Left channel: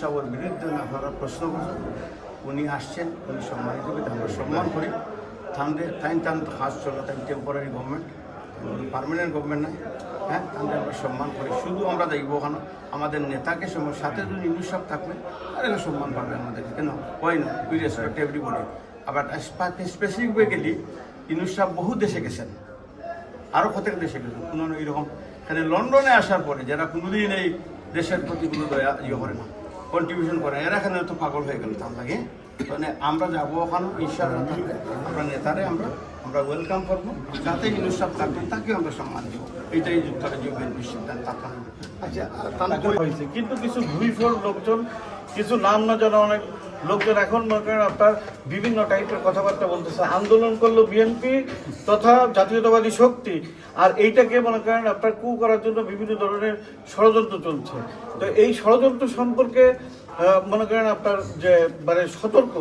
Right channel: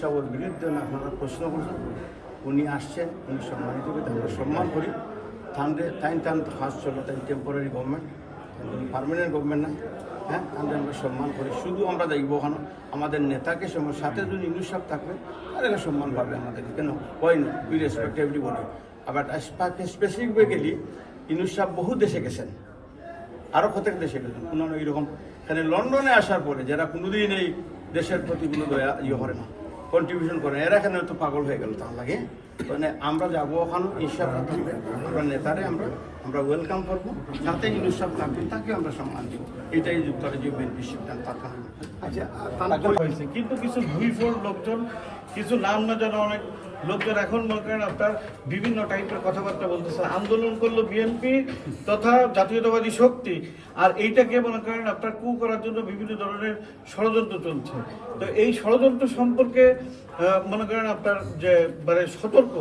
সাহেবের বিরুদ্ধে আপনারা প্রশ্ন করছেন। উনি আসছেন, উনি সম্মানিত ব্যক্তি আমরা সম্মান করি। থানরে তাই তান হাজ চলো তাই টেম্পোরারি গভর্নমেন্ট পারমানেন্ট গভর্নমেন্ট নাই। হ্যাঁ তাহলে আমরা সম্মান করি। শুধু আমরা দেখব ওখানে আমাদের নেতাকে সময় সাথে যদি ইউনুস সাহেব থাকবেন তাহলে সম্মান পাবে আমাদের। কেন? হয় না উই রেসপেক্ট এভরিবডি আবার স্পেসিফিক গেলি ইউনুস সাহেব বহু দেশে গেছেন। আরও প্রত্যেক দেশে গেছেন? কোনো এইরকম। এখানে লন্ডনে আসার পরে যারা কোনোদিন এই দেশের প্রতি কোনো দয়া ইয়ে করে না। কন্ট্রিবিউশন করে। এরা এখানে তো পাগল হয়ে গেল তার লাগে। মানে আমরা যাব ওখানে ঈশ্বর আমরা নেতারে আমরা আমরা ওয়েলকাম করব। যাতে ইউনুস থাকবে, তাকে আমরা সম্মান দিব। এইটাই যুক্তরাজ্য বিএনপির সিদ্ধান্ত আচ্ছা হয়েছে। কিন্তু কিছু ভুইফোর লোকজন, কিছু নাম না জানা অনেক লোকজন এখন মনে করেন আপনার বিভিন্ন টাইপের কথাবার্তা বলতেছে। আন্দোলন করল বিএনপি তথা জাতীয়তাবাদী শক্তি। আর এইটাকে মনে করেন আপনার কু করার জন্য বিভিন্ন ধরনের ষড়যন্ত্র চলছে। তো এই ষড়যন্ত্র সম্পর্কে মনে করেন আপনার যে মানে সতর্ক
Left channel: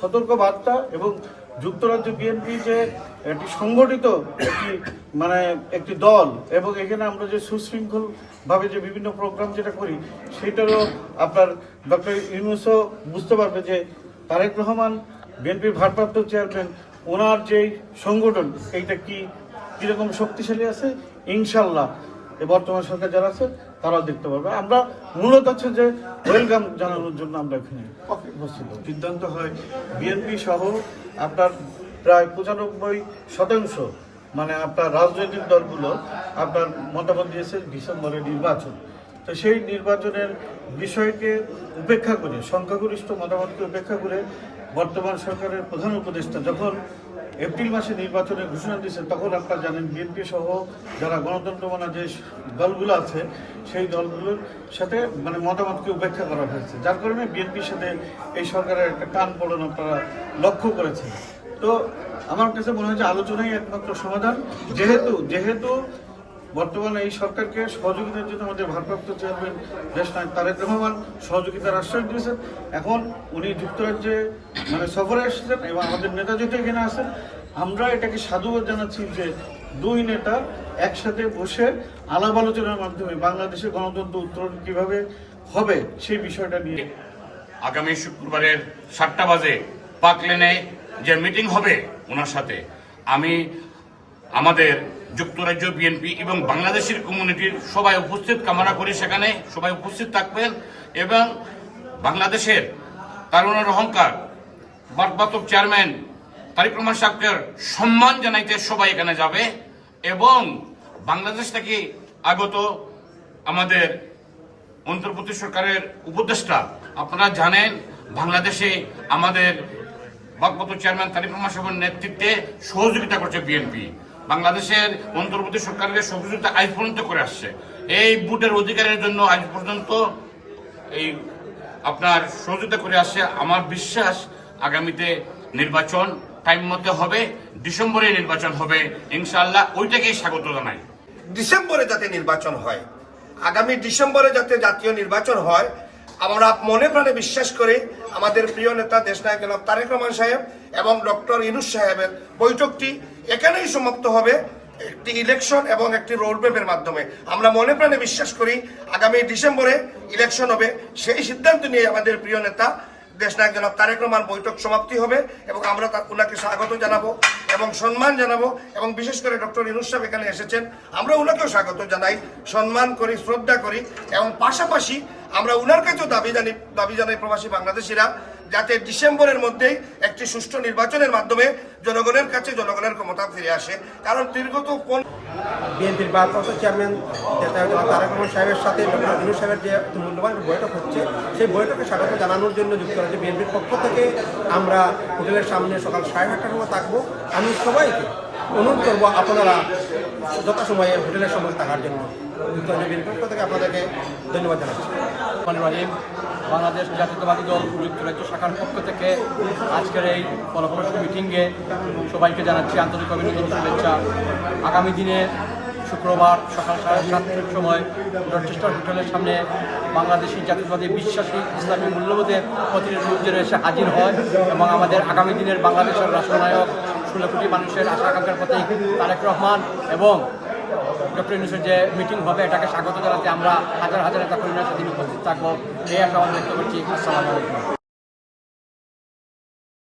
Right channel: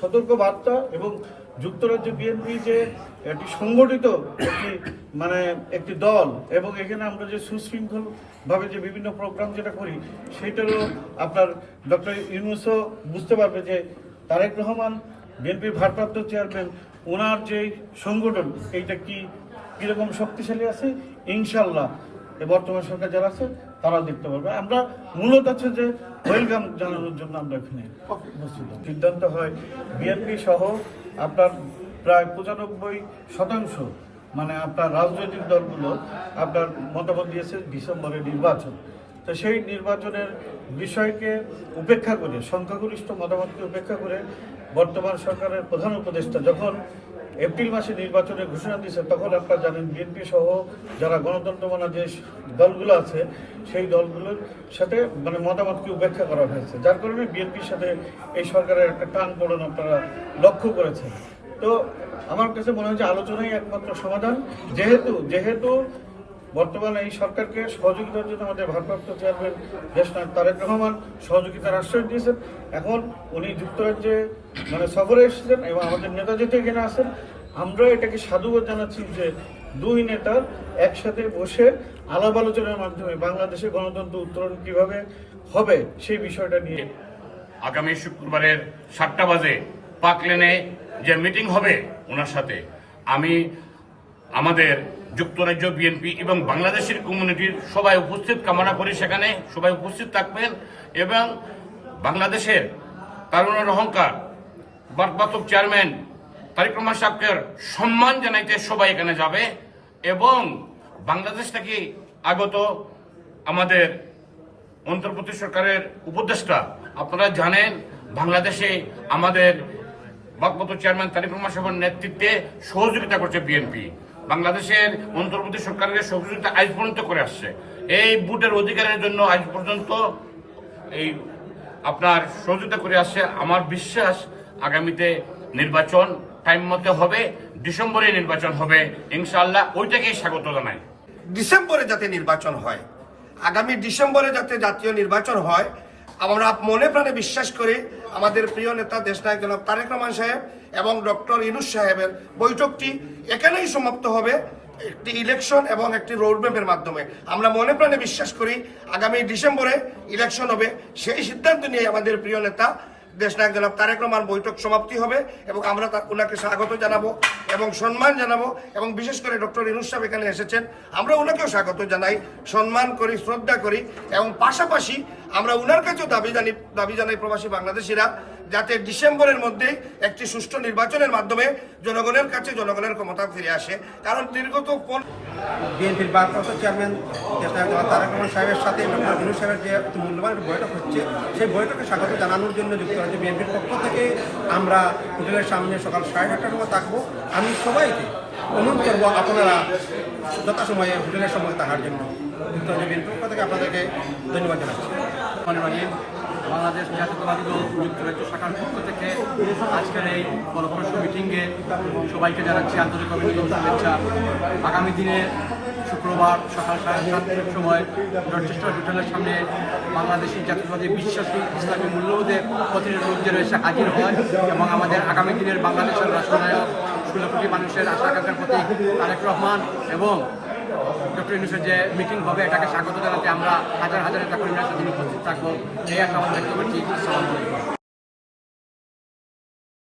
সতর্ক বার্তা এবং যুক্তরাজ্য বিএনপি যে একটি সংগঠিত একটি মানে একটি দল এবং এখানে আমরা যে সুশৃঙ্খলভাবে যে বিভিন্ন প্রোগ্রাম যেটা করি, সেটারও আপনার ডক্টর ইউনুসও বুঝতে পারবে যে তারেক রহমান, বিএনপির ভারপ্রাপ্ত চেয়ারম্যান ওনার যেই সংগঠন, এইটা কি কীরকম শক্তিশালী আছে? ইনশাল্লাহ এ বর্তমান সরকার যারা আছে তারাও দেখতে পারবে। আমরা মূলত হচ্ছে যে ওয়েলকাম জানানোর জন্য আমরা এখানে উপস্থিত। সিদ্ধান্ত হয় বিএনপি সহ আপনার প্রায় পঁচানব্বই শতাংশ মানে আপনার রাজনৈতিক দলগুলো আপনার মতামত দিয়েছে ডিসেম্বরে নির্বাচন। তো সেই নির্বাচনের বিষয়কে উপেক্ষা করে সংখ্যাগরিষ্ঠ মতামতকে উপেক্ষা করে বর্তমান সরকারের প্রধান উপদেষ্টা যখন এপ্রিল মাসে নির্বাচনের ঘোষণা দিয়েছে, তখন আপনারা জানেন বিএনপি সহ যারা গণতন্ত্র মানা যে দলগুলো আছে, সেই দলগুলোর সাথে মানে মতামতকে উপেক্ষা করা হয়েছে। যার কারণে বিএনপির সাথে এই সরকারের একটা টান পড়ন আপনারা লক্ষ্য করেছেন। তো আমার কাছে মনে হয় যে আলোচনাই একমাত্র সমাধান। যেহেতু যেহেতু বর্তমানে এই সরকারকে সহযোগিতার জন্য আমাদের ভারপ্রাপ্ত চেয়ারম্যান দেশ নায়ক তারেক রহমান সহযোগিতার আশ্বাস দিয়েছেন। এখন উনি যুক্তরাজ্যে মানে সফরে এসেছেন এবং আমাদের নেতা যেহেতু এখানে আছেন, আমরা এটাকে সাধুবাদ জানাচ্ছি যে দুই নেতা একসাথে বসে আলাপ আলোচনার মাধ্যমে বাংলাদেশের গণতন্ত্র উত্তরণ কীভাবে হবে সেই বিষয়টা নিয়ে আগামী শুক্রবারের সাতটা বাজে পার্ক লেনে যে মিটিং হবে ওনার সাথে, আমি আমাদের যুক্তরাজ্য বিএনপি এবং বাংলাদেশের কমিউনিটির সবাই উপস্থিত, কামনা করি সেখানে সবাই উপস্থিত থাকবেন এবং বাংলাদেশের তারুণের অহংকার বারবাতক চেয়ারম্যান তারিক রহমান সাক্কের সম্মান জানাইতে সবাই এখানে যাবে এবং বাংলাদেশ থেকে আগত আমাদের অন্তর্বর্তী সরকারের উপদেষ্টা, আপনারা জানেন বাংলাদেশে আমাদের ভারপ্রাপ্ত চেয়ারম্যান তারিক রহমান সাহেবের নেতৃত্বে সহযোগিতা করছে বিএনপি বাংলাদেশের অন্তর্বর্তী সরকারের সহযোগিতা আজ পর্যন্ত করে আসছে। এই বুটের অধিকারের জন্য আজ পর্যন্ত এই আপনার সহযোগিতা করে আসছে। আমার বিশ্বাস আগামীতে নির্বাচন টাইম মতো হবে, ডিসেম্বরে নির্বাচন হবে। ইনশাআল্লাহ ওইটাকেই স্বাগত জানাই। ডিসেম্বরে যাতে নির্বাচন হয়, আগামী ডিসেম্বরে যাতে জাতীয় নির্বাচন হয় আমরা মনে প্রাণে বিশ্বাস করি আমাদের প্রিয় নেতা দেশনায়ক জনাব তারেক রহমান সাহেব এবং ডক্টর ইনুস সাহেবের বৈঠকটি এখানেই সমাপ্ত হবে একটি ইলেকশন এবং একটি রোডম্যাপের মাধ্যমে। আমরা মনে প্রাণে বিশ্বাস করি আগামী ডিসেম্বরে ইলেকশন হবে। সেই সিদ্ধান্ত নিয়ে আমাদের প্রিয় নেতা দেশনায়ক জনাব তারেক রহমান বৈঠক সমাপ্তি হবে এবং আমরা তা- ওনাকে স্বাগত জানাব এবং সম্মান জানাব এবং বিশেষ করে ডক্টর ইনুস সাহেব এখানে এসেছেন। আমরা ওনাকেও স্বাগত জানাই, সম্মান করি, শ্রদ্ধা করি এবং পাশাপাশি আমরা ওনার কাছেও দাবি জানি দাবি জানাই প্রবাসী বাংলাদেশিরা যাতে ডিসেম্বরের মধ্যেই একটি সুষ্ঠু নির্বাচনের মাধ্যমে জনগণের কাছে জনগণের ক্ষমতা ফিরে আসে। কারণ দীর্ঘত কোন বিএনপির ভারপ্রাপ্ত চেয়ারম্যান তারেক রহমান সাহেবের সাথে ডক্টর সাহেবের যে মূল্যবান বৈঠক হচ্ছে, সেই বৈঠকে স্বাগত জানানোর জন্য যুক্তরাজ্য বিএনপির পক্ষ থেকে। আমরা হোটেলের সামনে সকাল সাড়ে আটটার সময় থাকব। আমি সবাইকে অনুরোধ করব আপনারা যথাসময়ে হোটেলের সময় থাকার জন্য। যুক্তরাজ্য বিএনপির পক্ষ থেকে আপনাদেরকে ধন্যবাদ জানাচ্ছি। বাংলাদেশ জাতীয়তাবাদী দল যুক্তরাজ্য শাখার পক্ষ থেকে আজকের এই ফলপ্রসূ মিটিংয়ে সবাইকে জানাচ্ছি আন্তরিক অভিনন্দন, শুভেচ্ছা। আগামী দিনে শুক্রবার সকাল সাড়ে সাতটার সময় রচেস্টার হোটেলের সামনে বাংলাদেশের জাতীয়তাবাদী বিশ্বাসী ইসলামী মূল্যবোধে প্রতিনিধি রয়েছে হাজির হয় এবং আমাদের আগামী দিনের বাংলাদেশের রাষ্ট্রনায়ক ষোলো কোটি মানুষের আশা আকাঙ্ক্ষার প্রতি তারেক রহমান এবং ডক্টর যে মিটিং হবে, এটাকে স্বাগত জানাতে আমরা হাজার হাজার নেতা কর্মীর সাথে উপস্থিত থাকব। এই আশা করছি আসসালামু আলাইকুম।